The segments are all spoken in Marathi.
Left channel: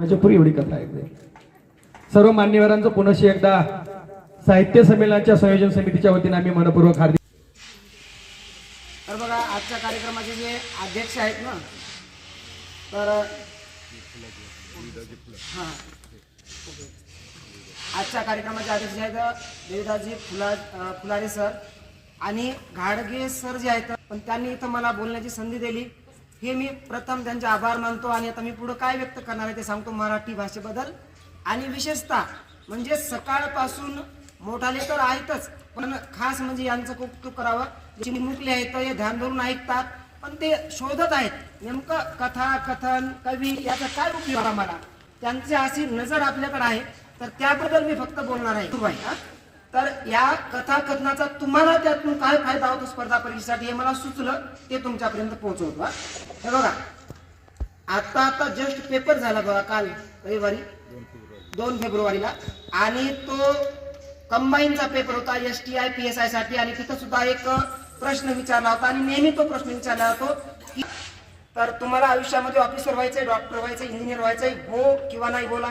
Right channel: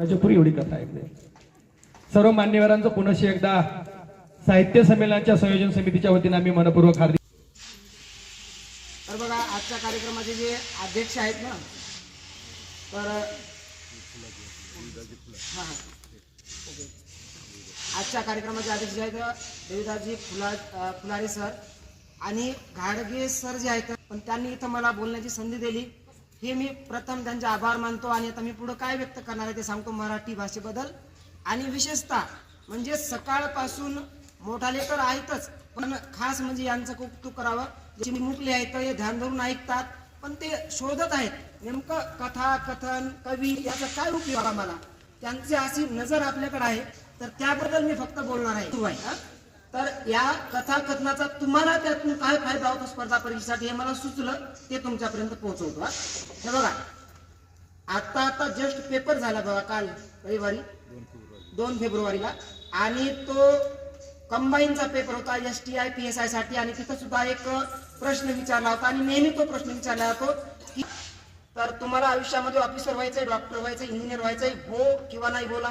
पुरी एवढी कथा ऐकते सर्व मान्यवरांचं पुनशी एकदा साहित्य संमेलनाच्या संयोजन समितीच्या वतीने आम्ही मनपूर्वक हार्दिक तर बघा आजच्या कार्यक्रमाचे जे अध्यक्ष आहेत ना तर हां. ओके आजच्या कार्यक्रमाचे अध्यक्ष आहेत देवदाजी फुला फुलारे सर आणि घाडगे सर जे आहेत पण त्यांनी इथं मला बोलण्याची संधी दिली. हे मी प्रथम त्यांचे आभार मानतो आणि आता मी पुढं काय व्यक्त करणार आहे ते सांगतो मराठी भाषेबद्दल. आणि विशेषतः म्हणजे सकाळपासून मोठाले तर आहेतच पण खास म्हणजे यांचं कौतुक करावं. जे मुकले आहेत हे ध्यान धरून ऐकतात पण ते शोधत आहेत. नेमकं कथा कथन कवी याचा काय उपयोग आम्हाला? मला त्यांची अशी नजर आपल्याकडे आहे तर त्याबद्दल मी फक्त बोलणार आहे. सुरू भाई हा? तर या कथाकथनाचा तुम्हाला त्यातून काय फायदा होतो स्पर्धा परीक्षेसाठी हे मला सुचलं ते तुमच्यापर्यंत पोहोचवतो हा? हे बघा. आता आता जस्ट पेपर झाला बघा काल रविवारी दोन फेब्रुवारीला. आणि तो कंबाईनचा पेपर होता S T I P S आयसाठी. आणि तिथं सुद्धा एक प्रश्न विचारला होता. आणि नेहमी तो प्रश्न विचारला जातो की तर तुम्हाला आयुष्यामध्ये ऑफिसर व्हायचंय डॉक्टर व्हायचंय इंजिनियर व्हायचंय हो किंवा नाही बोला.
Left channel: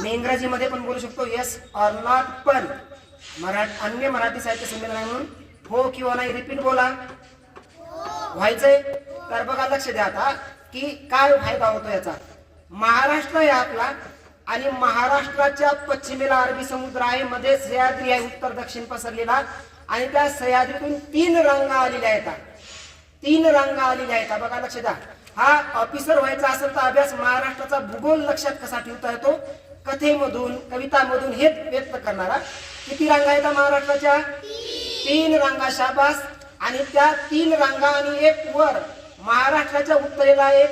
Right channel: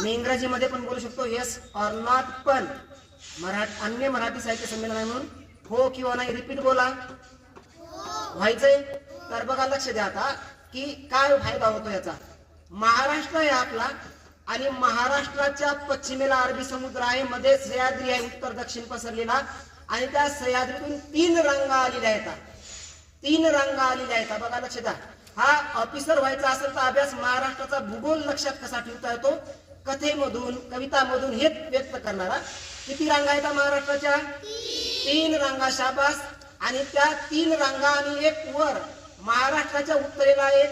मी इंग्रजीमध्ये पण बोलू शकतो. येस ऑर नॉट पण मराठी अन्य मराठी साहित्य संमेलन आहे म्हणून हो किंवा नाही रिपीट बोला. व्हायचंय? तर बघा लक्ष द्या आता की काय फायदा होतो याचा? महाराष्ट्र आहे आपला आणि महाराष्ट्राच्या पश्चिमेला अरबी समुद्र आहे मध्ये सह्याद्री आहे उत्तर दक्षिण पसरलेला आणि त्या सह्याद्रीतून तीन रांगा आलेल्या आहेत. तीन रांगा आलेल्या आहेत. बघा लक्ष द्या. हा ऑफिसर व्हायचा असेल तर अभ्यास महाराष्ट्राचा भूगोल लक्षात कसा ठेवता येतो? कथेमधून कवितामधून हेच व्यक्त करणारा किती रांगा आहेत महाराष्ट्राच्या? तीन रांगा शाबास. आणि त्या तीन रांगा आणि एक वर महाराष्ट्राच्या उत्तरेला एक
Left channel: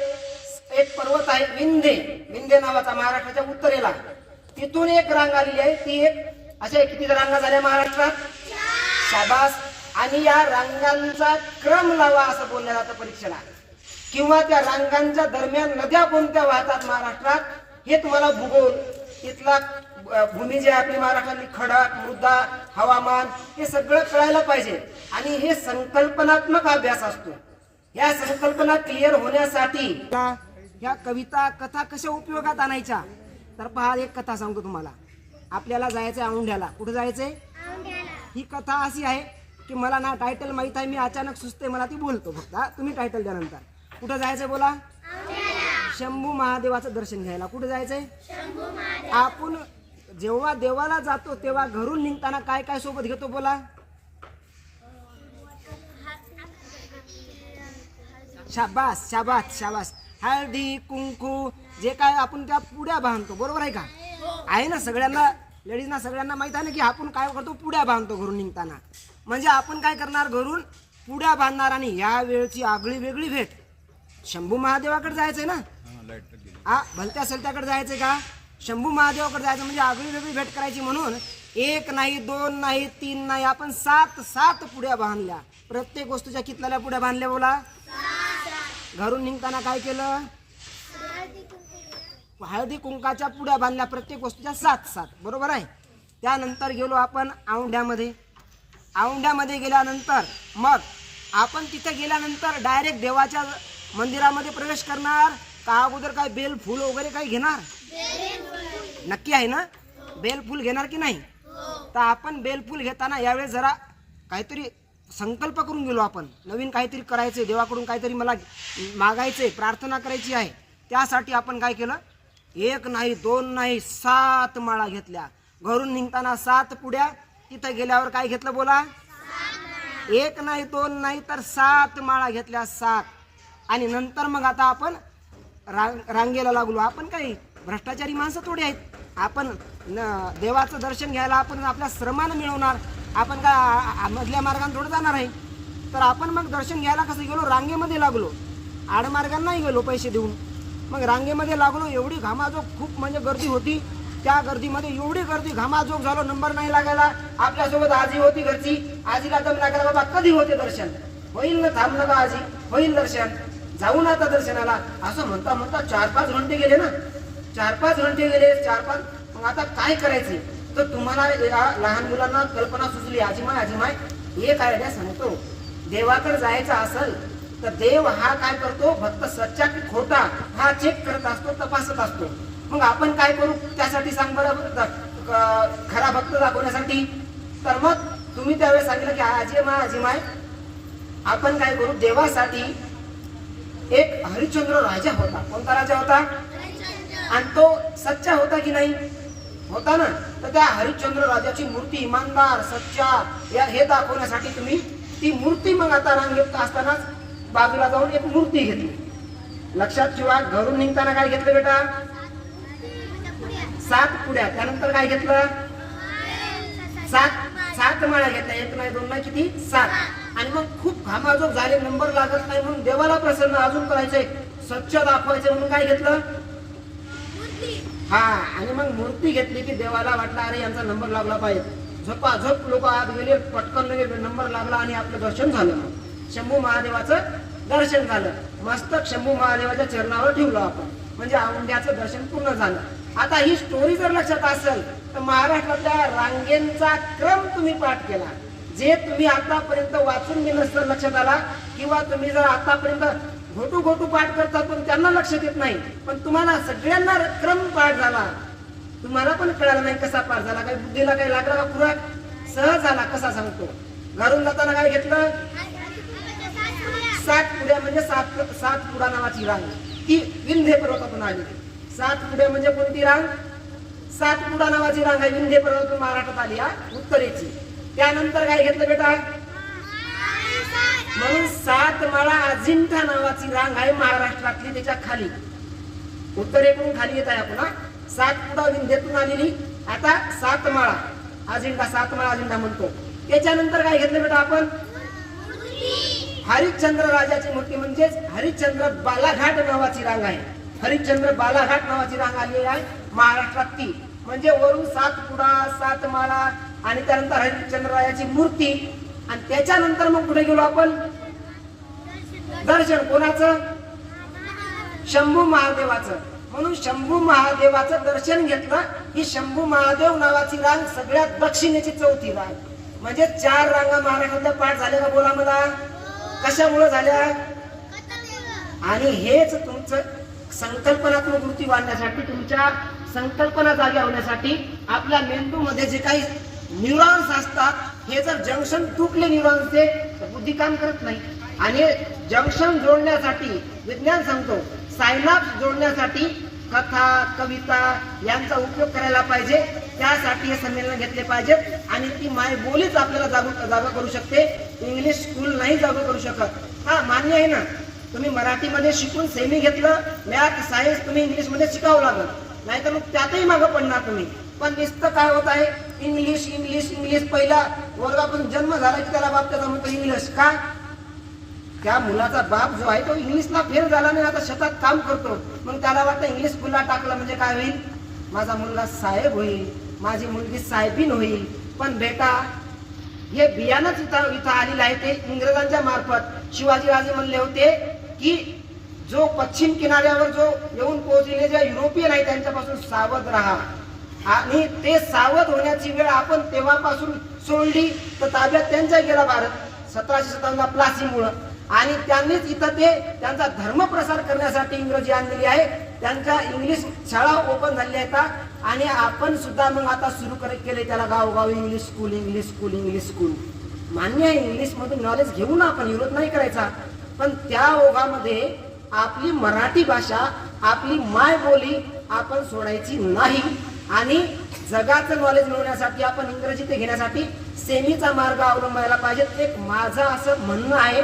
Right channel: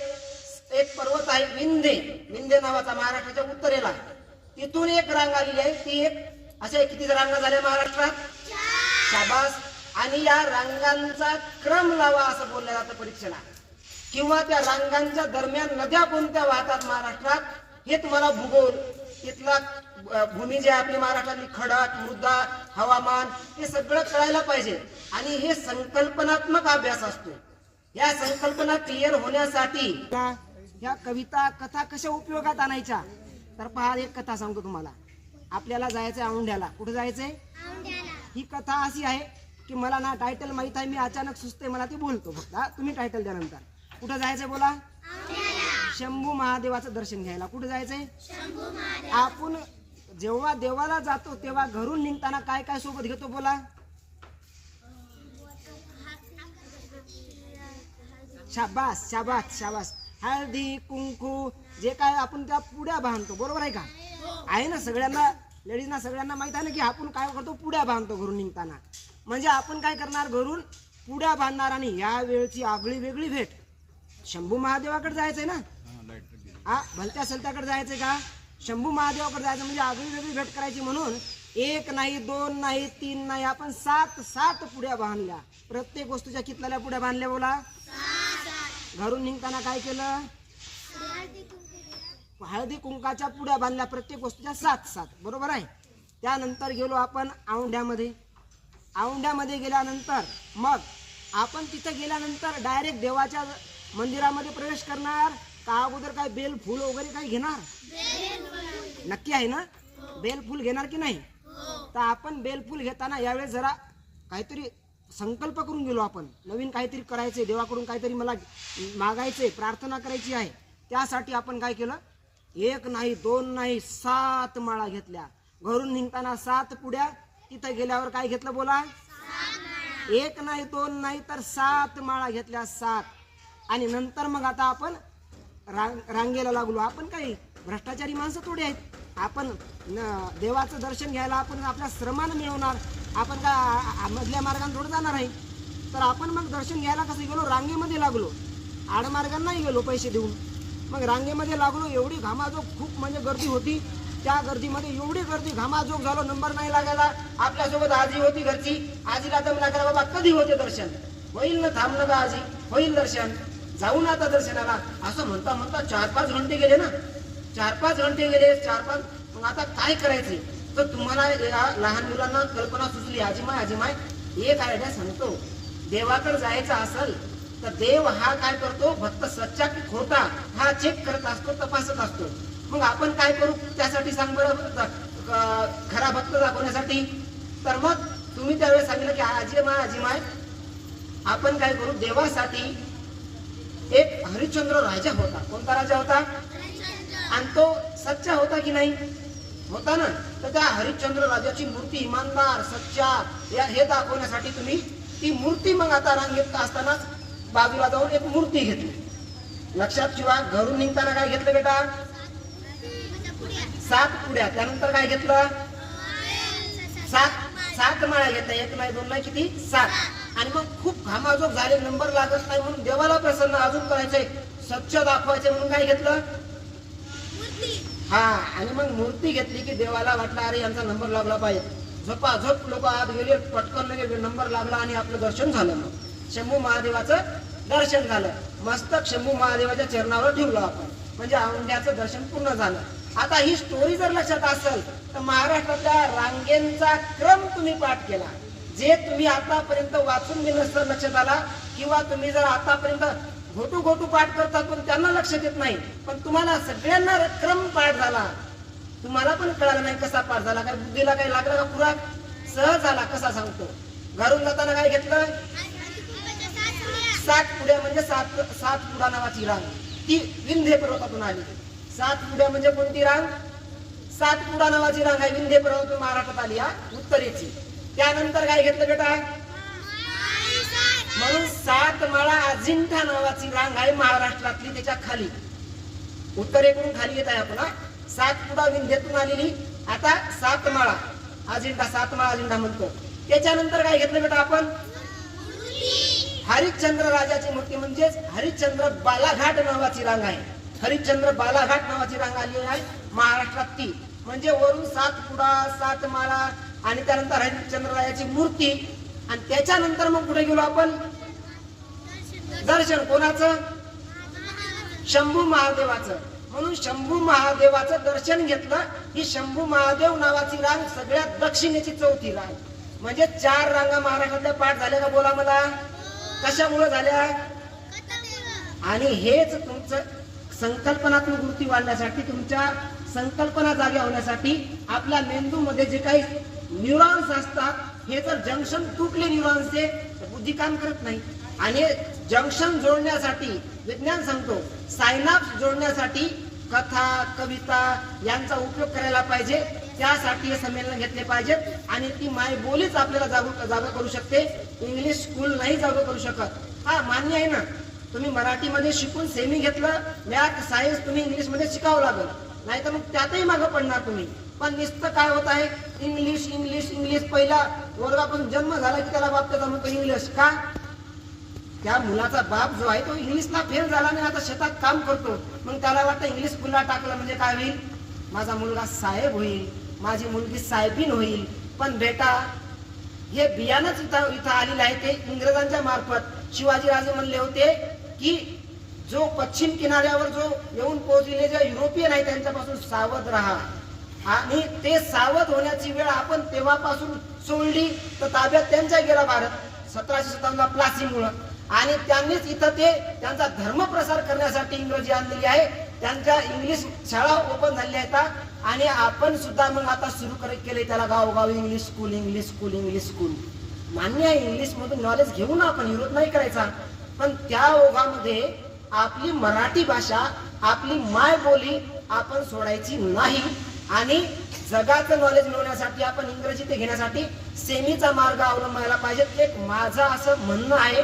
एक पर्वत आहे विंधे. विंधे नावाचा महाराष्ट्राच्या उत्तरेला. तिथून एक रांग आलेली आहे ती एक अशा किती रांगा झाल्या महाराष्ट्रात? शाबास. आणि या रांगांचा क्रम लावा असं बोललं जातं परीक्षेला. किंवा त्या रांगांच्या दरम्यान नद्या कोणत्या वाहतात महाराष्ट्रात? हे तुम्हाला भूगोल तिथला अ, भूमी जी आपली महाराष्ट्रातली खडक मृदा हवामान हे सगळं कळायला पाहिजे. आणि हे संकल्पनात्मक अभ्यास असतो. या संकल्पना क्लिअर होण्यासाठी ह्या कविता कथा कशा उपयोगात आणायच्या? तर पहा एक कथा सांगतो तुम्हाला. आपल्याला जायचंय औंढ्याला. कुठे जायचंय? ही कथा अशी आहे की मला ना टायटल माहीत आहे मी अचानक सुचते मला ती बोलतो फक्त? तुम्ही टायटल द्या नंतर. कुठं जायचंय बोला? शंभू महादेवाचं दर्शन घ्यायला. कुठे जायचंय? आपण जेव्हा देवाला जातो तेव्हा घरून निघताना काय काय सोबत घेतो बोला? शाबास शाबास शाबास. हळदी कुंकू जे काय आपण त्या पुड्या बांधतो बरोबर आहे का? आहे ना सगळ्यांना लेडीजना सगळ्यांना माहीत आहे ना की आपण काय करतो? पुड्या बांधतो घरून निघताना. म्हणजे आपण काय करणार घरून? पुड्या बांधणार आणि या वेळची आगळी वेगळी भेट. शंभू महादेवाकडे जायचंय ना? हा भलत्या सलत्याकडे जायचं का? शंभू महादेवाकडे जायचं म्हणजे आगळी वेगळी भेट करायची म्हणून एक नाही दोन नाही तीन नाही आपण सात सात पुड्या बांधल्या. प्रत्येक वस्तूच्या कितल्या पुड्या बांधल्या बोला? घरून निघताना काय केलं? हळदी कुंकाच्या पुड्या बांधल्या प्रत्येक वस्तूच्या सात सात. बरोबर आहे? त्यानंतर गेलो आपण औंढ्यामध्ये. औंढ्यामध्ये गेल्यानंतर मग आपण तिथे गेल्यानंतर डायरेक्ट देवाच्या मंदिरामध्ये प्रवेश करणार. का अगोदर काय बेल फुल वगैरे काही घेणार? नक्की आहे ना? बेलफूल घेणार की नाही? तर आपण बेलफूल घेताना यावेळेस जरा काहीतरी संकल्प करून गेलो आपण. नवीन काहीतरी करायचंय देवाकडून काहीतरी मला मागायचंय प्रार्थना करायची आहे. त्यासाठी आपण काय केलं? एक नाही दोन नाही सात माळा घेतल्या. घरून निघताना सात पुड्या तिथं गेल्यावर काय घेतलं बोला? एक नाही दोन नाही तर सात माळा घेतल्या सात. आणि नंतर मग आता आपण रांग रांगेला लागलो. आपण काही भ्रष्टाचारी माणसं थोडी आहेत. आपण न- देवाचं दर्शन घ्यायला आपण आपल्या श्रमानं मिळवणार. आपण का मधल्या मार्गाने थोडं जाणार आहे. तर आपण मग दर्शन घ्यायला कसं गेलो? रांगेमध्ये लागलो. आडमार्गांनाही गेलो पैसे देऊन. मग रांगेमध्ये लागलो एवढी घामाजोग खूप म्हणजे गर्दी होती. त्या गर्दीमध्ये एवढी गर्दी घामाजोग झालो नंबर नाही लागायला. आपल्यासोबत आजी होती घरची. आजीला दम लागायला बाबा कधी होते दर्शन? होईल ना थांबलं का आजी. होईल दर्शन. जाऊ ना आता दर्शनाला. असं म्हणता म्हणता चार पाच घंटे गेले ना. चार पाच घंटे गेले चार पाच. मग आता काय करायचे? तर तुम्हाला या लहान मुलांना कल्पना सुचली आजीमाय आजीमाय एक आयडिया सांगतो. देवाकडे जायचं असेल तर देव हा काय करतो? भक्त सच्चा की खोटा हा चेक करत असतो तपासत असतो. मग आपण काय करू? त्यासाठी सांग बरं खरा भक्त दाखवण्यासाठी. तर मग तुम्ही त्यावेळेस सांगितलं की आजी माय आजी माय आपण काय करू? देवासाठी एक हरिश्चंद्र राजा होता. कोणता राजा होता? आणि तो सच्चा होता की नाही? होता ना. तर त्या हरिश्चंद्र राजाची मूर्ती इमानदार सच्चा या हे दाखवण्यासाठी तुम्ही ती मूर्ती मग आता रांगेत असतानाच बाजूला जाऊन एक मूर्ती घेतली. लक्षात ठेवा घरून निघताना काय घेतलं बेटा? सात पुड्या. त्यानंतर काय घेतलं? सात सात माळ्या घेतल्या. एक नाही दोन नाही किती? सात. आणि मग खूप घामाजोग झाले नंबर लागत नाही म्हणून देवाला प्रसन्न अजून करायचंय. स्वच्छ दाखवायचे म्हणून काय घेतलं? हा आणि मग मूर्ती घेतली की देवाला वाटलं अरे यांचा नंबर लागला पाहिजे. झोपा झोप लोक आत गेले पटकन लगे नंबर लागला आणि आपलं दर्शन झालं मग. शंभू महादेवाचं दर्शन झालं. मस्तक शंभू महादेवाच्या चरणावर ठेवलं आपण. म्हणजे औंढ्याचं दर्शन पूर्ण झालं. आता ही स्टोरी जर लक्षात असेल तर महाराष्ट्रातल्या रांगेंचा क्रम तुम्ही पाठ केला. जे तुम्ही आतापर्यंत वाचून मी नसतं लक्षात आला किंवा तुम्ही जर आतापर्यंत घोटू घोटू पाठ करतात पण त्यांना लक्ष देत नाही. पण तुम्हाला सगळ्यांना क्रम पाठ झाला. तुम्हाला पण कळालं नाही कसा पाठ झाला. काय बुद्धीला काही लागला का खुराक सहज झाला कसा सांगतो? घरून जाताना काय घेतलं? सात पुड्या म्हणजे सात सात पुडा नावाची रांग. ती विंध्य पर्वतातून आली. सात पुड्या म्हणजे कोणती रांग? सात पुडा नावाची रांग आहे. विंध्य पर्वतातून महाराष्ट्रात आली हा उत्तरेची. त्यानंतर काय घेतलं बेटा? म्हणून सात माळा अजिंठा नावाची रांग आहे महाराष्ट्रातली त्याच्याखाली. उत्तरेकडून खाली येत आहे आपण सातपुडा सात विंध्येतून आलेली. आता सात माळा. अजिंठा सात माळा अजिंठा म्हणतो. त्याच्यानंतर काय घेतलं बेटा आपण? हरिश्चंद्र राजाची मूर्ती म्हणजेच हरिश्चंद्र बालाघाट नावाची रांग आहे. हरिश्चंद्र बालाघाट नावाची रांग आली आहे महाराष्ट्रात ती म्हणजे वरून सात सातमाळा सात माळा आणि त्यानंतर हरिश्चंद्ररायाची मूर्ती. आणि त्याच्यानंतर मग कुठे गेलो आपण? दर्शन कोणाचं? शंभू महादेवाचं. म्हणून शंभू महादेवाचं दर्शन घेतलं ही शंभू महादेव नावाची रांग सगळ्यात दक्षिणेची चौथी रांग. म्हणजे चार रांगा महाराष्ट्रातल्या पाठ झाल्या का बोला मला? कशामुळे झाल्या? आणि हेच तुमचं संकल्पनात्मक वृत्ती वाढण्यासाठी तुमच्या संकल्पना जाग्या होण्यासाठी आपल्या मेंदूमध्ये जे काही न्यूरॉन्स असतात. हे जर जंक्शन तुटले न्यूरॉन्सचे तर बुद्धी काम करत नाही. आणि जंक्शन जोडण्यासाठी विज्ञान सांगतो सायनाप्स जोडण्यासाठी कथा कविता यांचा उपयोग करायला पाहिजे. त्यासाठी हे संमेलन घेतले पाहिजेत आणि ती माय बोलीच आपल्याला जागू जागा करू शकते. इंग्लिश स्कूल नाही जागा करू शकत. हा मान्य आहे ना? तुम्ही मराठीमध्ये शिकून सेमी घेतलं मॅथ सायन्स तुम्ही इंग्लिशमध्ये शिकावं नाही नाहीतर मग त्यातही मागं पडणार तुम्ही. पण नुसतं काय होत आहे? इंग्लिश इंग्लिश इंग्लिश पहिला वर्गापासून जन्म झाला की त्याला बाप त्याचा म्हणतो इंग्लिश का? त्या मुलाचा बाप जो आहे तो इंग्लिशला फेल झाला नाही आता शेतात काम करतो. मग त्याला वाटतं इंग्लिश स्कूलला टाकलं म्हणजे काय होईल? माझा मुलगा साहेब होईल. माझी मुलगी साहेबीन होईल. पण बेटा हे बियाणंच इथं इथं आलेलं आहे ते इंग्रजांच्या मार्फत. शिवाजीराजे म्हणले होते की जो पश्चिम किनाऱ्यावर जो येऊन पोहोचलेले जे युरोपियन आहे त्यांच्यापासून सावध राहा. आणि ते सावध होण्याची वेळ आपण तेव्हापासून सोडली तर ताब्यात त्यांचा गेला भारत. सतराशे सत्तावन्नला प्लासीमुळं. आणि त्यांनीच इथं ते त्यांचा धर्म प्रसार करण्यासाठी इंग्रजी आणलेली आहे. त्यांच्या इंग्लिश शाळा ओपन झालेल्या आहेत. आणि आपण सुद्धा मग आता सुरू करत केले त्याला गावोगाव English school English school English school. मान्य आहे इंग्लिशमधून नॉलेज घेऊ ना आपण विरोध नाही करायचा. पण त्या ओघामध्ये आपली मराठी भाषा आपली माय बोली आपण सोडायची नाही. आणि जगाचं नॉलेज मिळवण्यासाठी आपण इंग्रजी ते घेण्यासाठी सेमीचा मार्ग अवलंबायला पाहिजे एक माझं असं म्हणणं आहे.